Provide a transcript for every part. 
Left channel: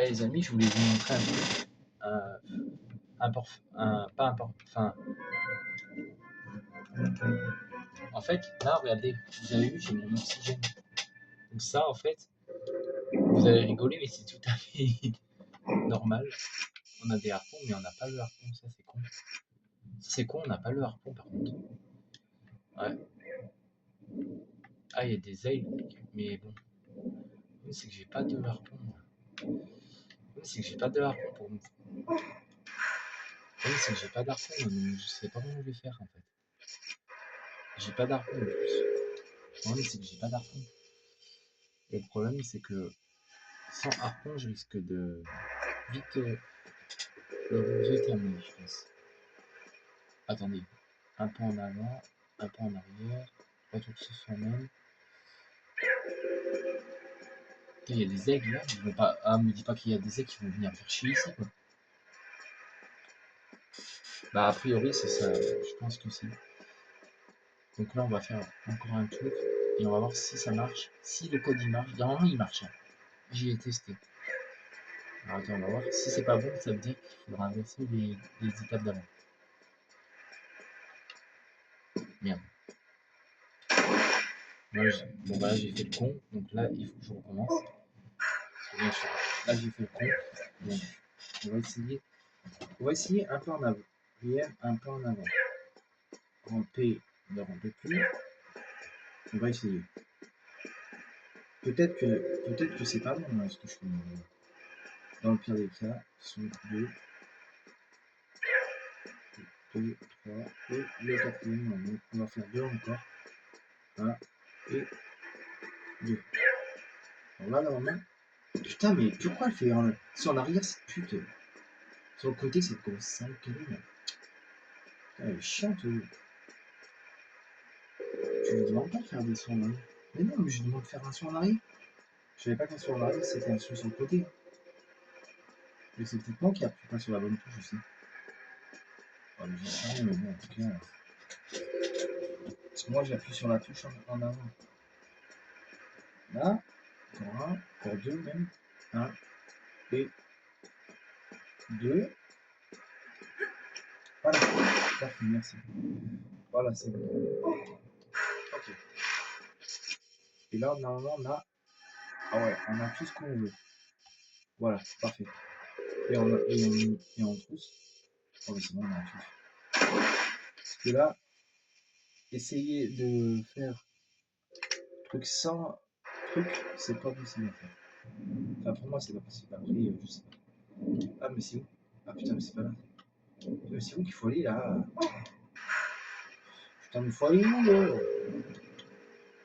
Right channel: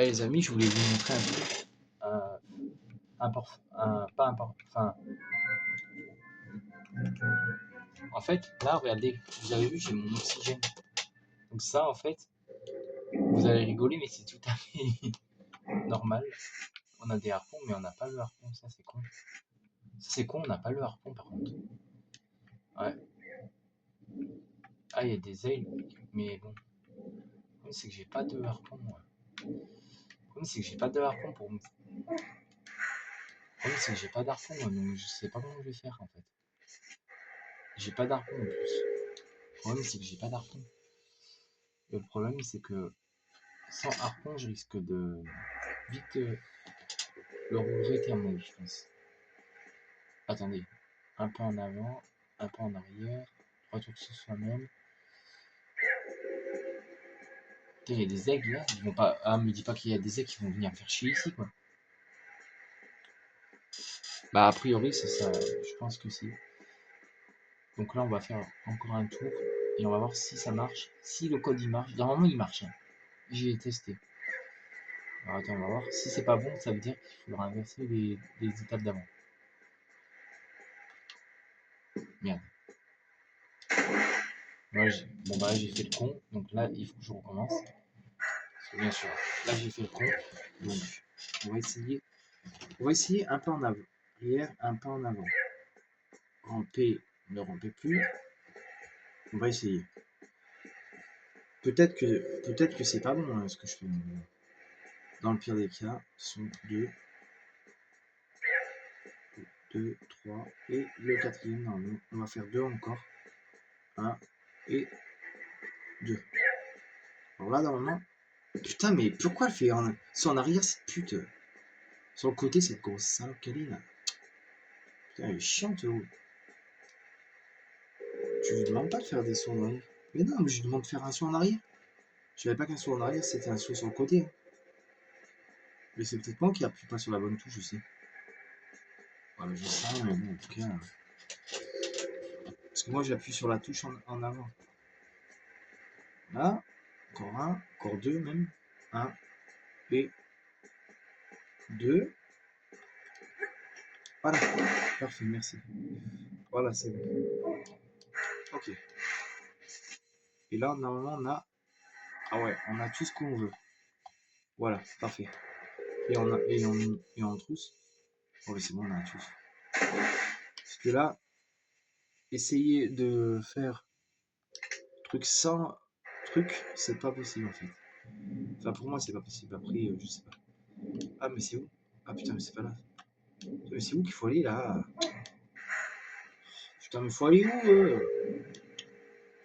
Les amis, je voulais vous montrer un truc. Pas important. Enfin, en fait, là, regardez, vous avez vu, j'ai mon oxygène. Donc ça, en fait, vous allez rigoler, mais c'est tout à fait normal. On a des harpons, mais on n'a pas le harpon. Ça, c'est con. C'est con, on n'a pas le harpon, par contre. Ouais. Ah, il y a des ailes, mais bon. Le problème, c'est que j'ai pas de harpon, moi. Le problème, c'est que j'ai pas de harpon pour me... Le problème, c'est que j'ai pas d'harpon, moi, donc je sais pas comment je vais faire, en fait. J'ai pas d'harpon, en plus. Le problème, c'est que j'ai pas d'harpon. Et le problème, c'est que sans harpon, je risque de vite le regretter, à mon avis, je pense. Attendez. Un pas en avant, un pas en arrière, retour sur soi-même. Il y a des aigles là, ils vont pas. Ah, me dis pas qu'il y a des aigles qui vont venir me faire chier ici, quoi. Bah, a priori, c'est ça, je pense que si. Donc là, on va faire encore un tour et on va voir si ça marche. Si le code il marche, normalement il marche. Hein. J'y ai testé. Alors attends, on va voir. Si c'est pas bon, ça veut dire qu'il faudra inverser les étapes d'avant. Merde. Bon, bah là, j'ai fait le con. Donc là, il faut que je recommence. Parce que bien sûr, là, j'ai fait le con. Donc, on va essayer. On va essayer un pas en avant. Arrière, un pas en avant. Ramper, ne rampez plus. On va essayer. Peut-être que c'est pas bon hein, ce que je fais. Dans le pire des cas, ce sont 2, 3 et le quatrième. Non, on va faire 2 encore. 1 et 2. Alors là, normalement. Putain, mais pourquoi elle fait en arrière cette pute? Sur le côté, cette grosse sale qu'elle est là. Putain, elle est chiante. Oh. Tu lui demandes pas de faire des sauts en arrière. Mais non, mais je lui demande de faire un saut en arrière. Je savais pas qu'un saut en arrière, c'était un saut sur le côté. Mais c'est peut-être moi qui appuie pas sur la bonne touche aussi. Voilà, je sais rien, mais bon, en tout cas. Parce que moi, j'appuie sur la touche en avant. Là, encore un, encore 2 même. 1 et 2. Voilà, parfait, merci. Voilà, c'est bon. Ok. Et là, normalement, on a. Ah ouais, on a tout ce qu'on veut. Voilà, parfait. Et on trousse. Oh, mais c'est bon, on a tous. Parce que là, essayer de faire truc sans truc, c'est pas possible en fait. Enfin, pour moi, c'est pas possible. Après, je sais pas. Ah, mais c'est où? Ah putain, mais c'est pas là. Mais c'est où qu'il faut aller là? Putain, mais faut aller où?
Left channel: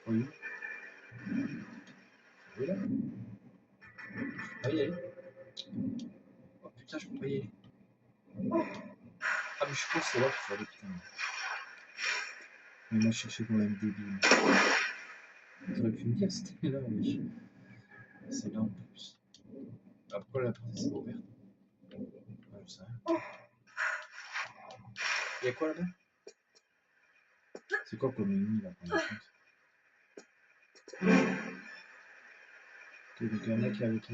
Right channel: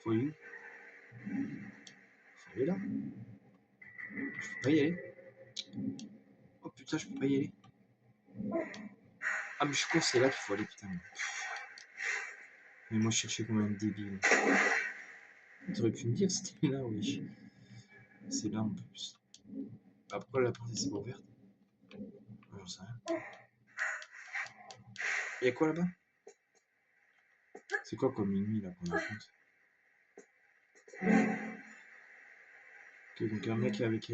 Faut aller où? Faut aller là. Je peux pas y aller. Oh putain, je peux pas y aller. Ah, mais je pense que c'est là qu'il faut aller, putain. Mais moi, je cherchais comme un débile. T'aurais pu me dire c'était là, oui. C'est là en plus. Après, la porte c'est pas ouverte. Ouais, j'en sais rien. Y'a quoi là-bas? C'est quoi comme ennemi là qu'on affronte? Ok, donc un mec avec.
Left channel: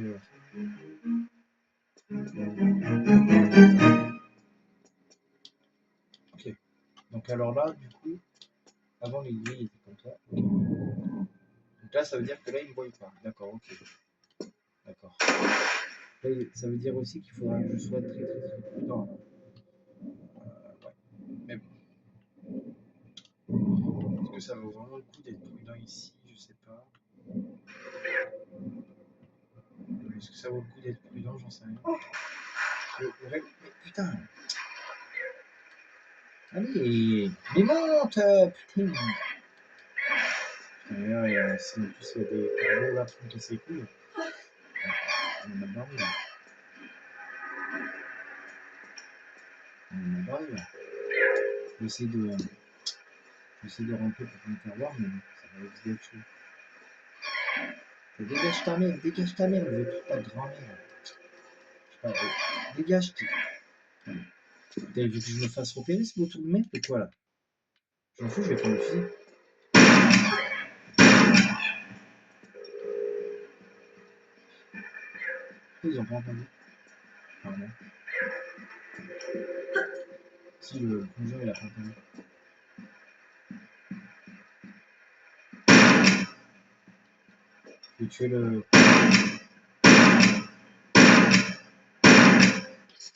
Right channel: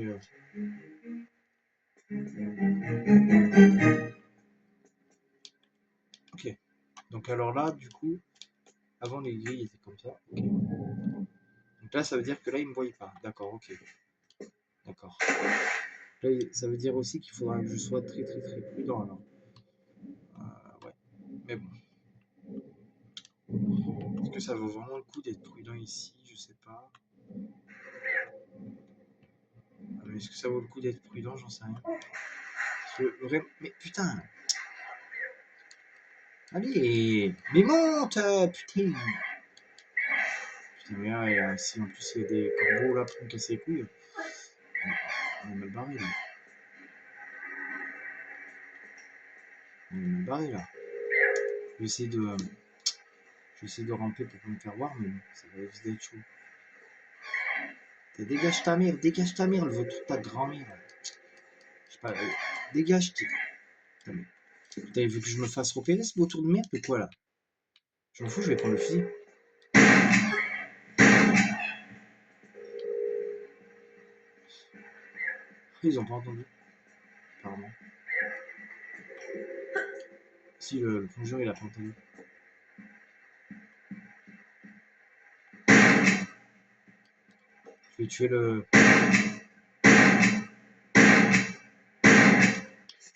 Ok. Donc alors là, du coup, avant les grilles étaient comme ça. Okay. Donc là, ça veut dire que là, il ne me voyait pas. D'accord, ok. D'accord. Là, ça veut dire aussi qu'il faudra que je sois très très très prudent alors. Ouais. Mais bon. Est-ce que ça vaut vraiment le coup d'être prudent ici? Je sais pas. Est-ce que ça vaut le coup d'être prudent? J'en sais rien. Mais putain! Allez! Mais monte! Putain! Putain, mais ouais, si en plus il y a des corbeaux là pour me casser les couilles, on a mal barré là. On a mal barré là. Je vais essayer de ramper pour me faire voir, mais bon, ça va risquer d'être chaud. Dégage ta mère, elle veut toute ta grand-mère. Je sais pas, dégage. T'avais vu que je me fasse repérer ce beau tour de merde ou quoi là? Je m'en fous, je vais prendre le fusil. Ils ont pas entendu, apparemment. Si le plongeur il a pas entendu. Je vais tuer le. Je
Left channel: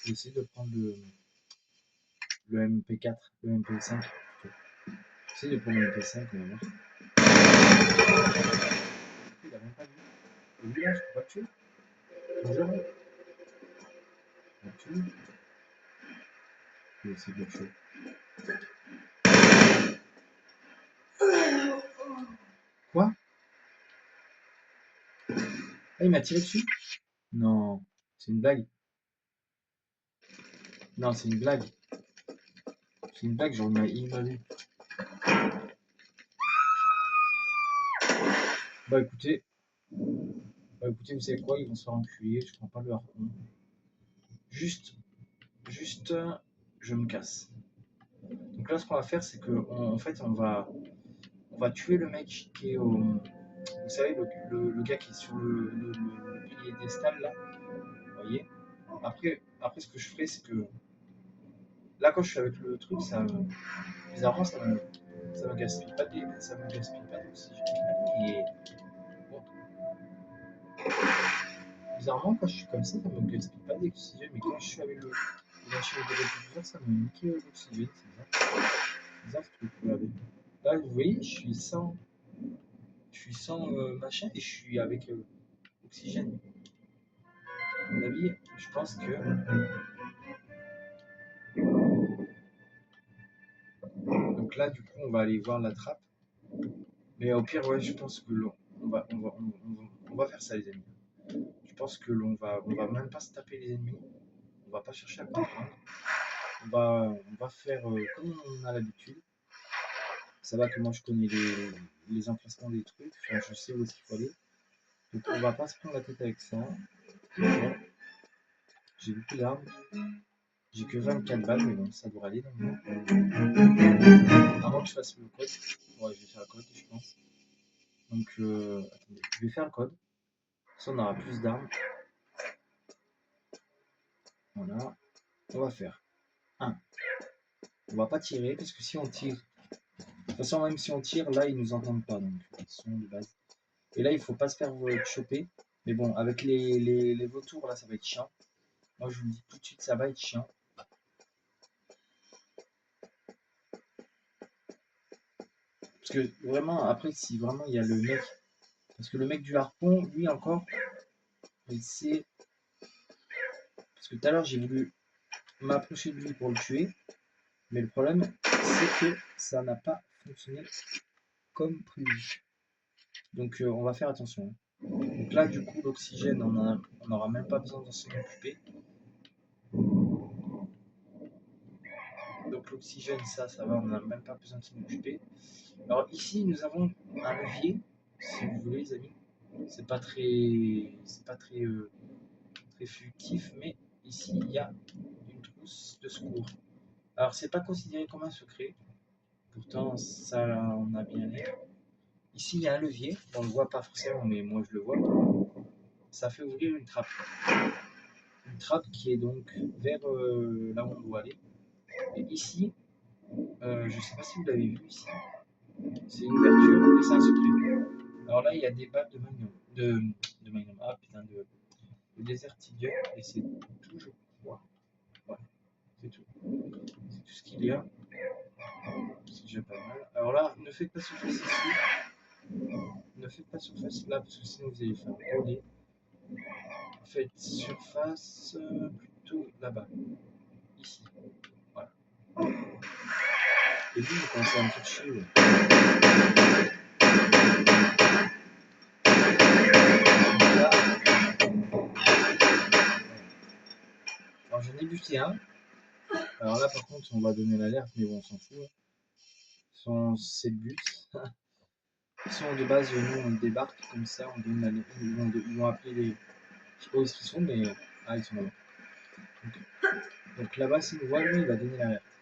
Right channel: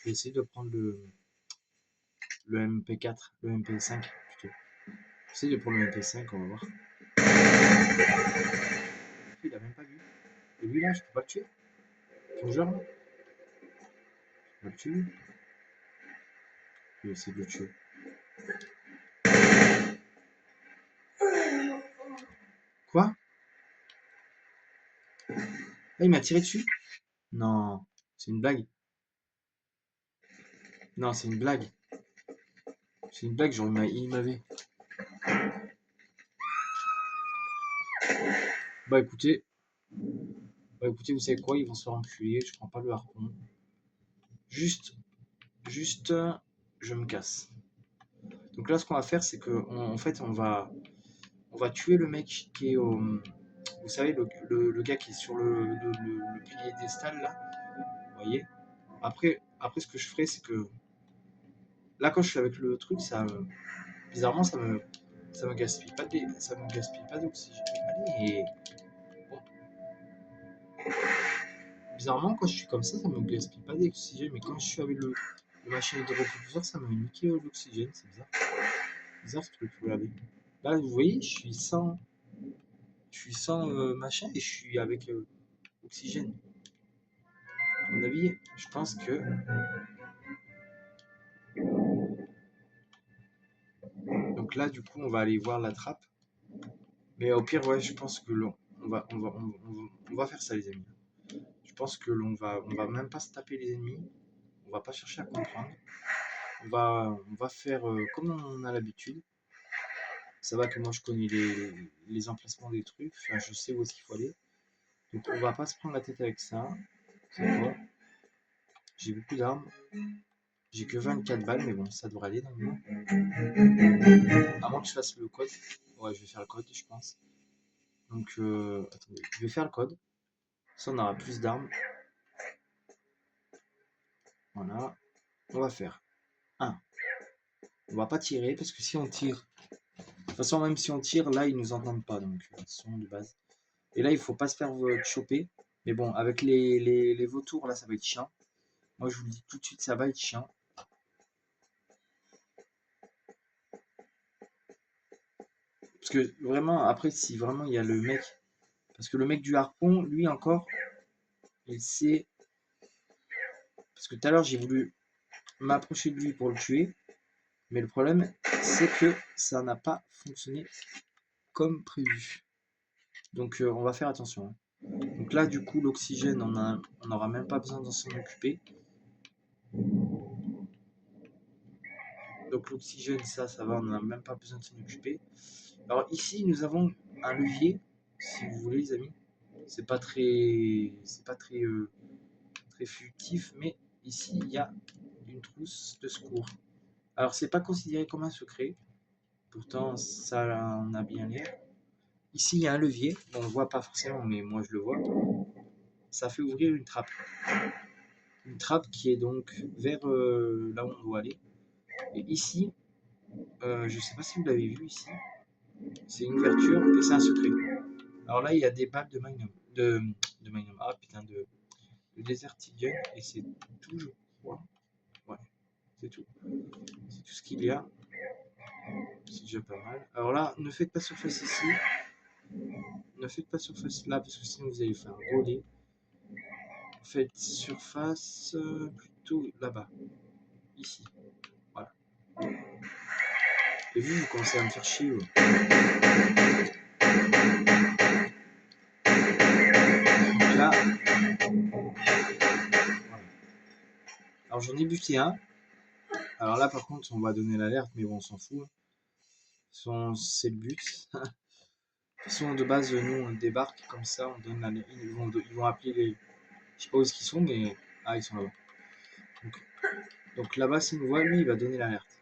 vais essayer de prendre le MP4, le MP5 plutôt. J'essaie de prendre le MP5, on va voir. Il a même pas vu. Et lui là, je peux pas le tuer. Plongeur là. Je peux pas le tuer. Je vais essayer de le tuer. Quoi? Ah, il m'a tiré dessus? Non, c'est une blague. Non, c'est une blague. C'est une blague, genre il m'avait. Bah écoutez, vous savez quoi, ils vont se faire enculer, je prends pas le harpon. Juste, je me casse. Donc là, ce qu'on va faire, c'est que, en fait, on va tuer le mec qui est au, vous savez, le gars qui est sur le pilier d'estal là, vous voyez. Après, ce que je ferai, c'est que là, quand je suis avec le truc, bizarrement, ça me gaspille pas d'oxygène. Et bon, bizarrement, quand je suis comme ça me gaspille pas d'oxygène, mais quand je suis avec le machin de repropulseur, ça me nique l'oxygène, c'est bizarre. Bizarre ce truc là. Là, vous voyez, je suis sans machin et je suis avec oxygène. À mon avis, je pense que. Donc là, du coup, on va aller voir la trappe. Mais au pire, ouais, je pense que on va faire ça, les amis. Je pense que on va même pas se taper les ennemis. On va pas chercher à comprendre. On va faire comme on a l'habitude. Ça va que moi, je connais les emplacements des trucs. Enfin, je sais où est-ce qu'il faut aller. Donc, on va pas se prendre la tête avec ça. J'ai beaucoup d'armes. J'ai que 24 balles, mais bon, ça devrait aller dans le monde. Avant que je fasse le code. Ouais, je vais faire le code, je pense. Donc, attendez, je vais faire le code. Ça, on aura plus d'armes. Voilà. On va faire 1. On va pas tirer, parce que si on tire... De toute façon, même si on tire, là, ils nous entendent pas. Donc, ils sont de base. Et là, il faut pas se faire choper. Mais bon, avec les vautours, là, ça va être chiant. Moi, je vous le dis tout de suite, ça va être chiant. Parce que vraiment, après, si vraiment il y a le mec... Parce que le mec du harpon, lui encore, il sait... Parce que tout à l'heure, j'ai voulu m'approcher de lui pour le tuer. Mais le problème, c'est que ça n'a pas fonctionné comme prévu. Donc, on va faire attention. Donc là, du coup, l'oxygène, on n'aura même pas besoin de s'en occuper. Donc l'oxygène, ça va, on n'a même pas besoin de s'en occuper. Alors ici, nous avons un levier, si vous voulez, les amis. C'est pas très, très furtif, mais ici, il y a une trousse de secours. Alors, c'est pas considéré comme un secret. Pourtant, ça en a bien l'air. Ici, il y a un levier. On ne le voit pas forcément, mais moi, je le vois. Ça fait ouvrir une trappe. Une trappe qui est donc vers là où on doit aller. Et ici, je ne sais pas si vous l'avez vu ici, c'est une ouverture et c'est un secret. Alors là, il y a des balles de Magnum, de Magnum, ah putain, de Desert Eagle, et c'est tout, je crois. Ouais, c'est tout. C'est tout ce qu'il y a. C'est déjà pas mal. Alors là, ne faites pas surface ici. Ne faites pas surface là, parce que sinon vous allez faire voler. Faites surface plutôt là-bas. Ici. Voilà. Et vous commencez à me faire chier. Ouais. Là. Alors j'en ai buté un. Alors là par contre on va donner l'alerte, mais bon on s'en fout. C'est le but. Ils sont de base, nous on débarque comme ça, on donne l'alerte. Ils vont appeler les. Je sais pas où est-ce qu'ils sont, mais. Ah ils sont là-bas. Donc là-bas s'il nous voit, lui il va donner l'alerte.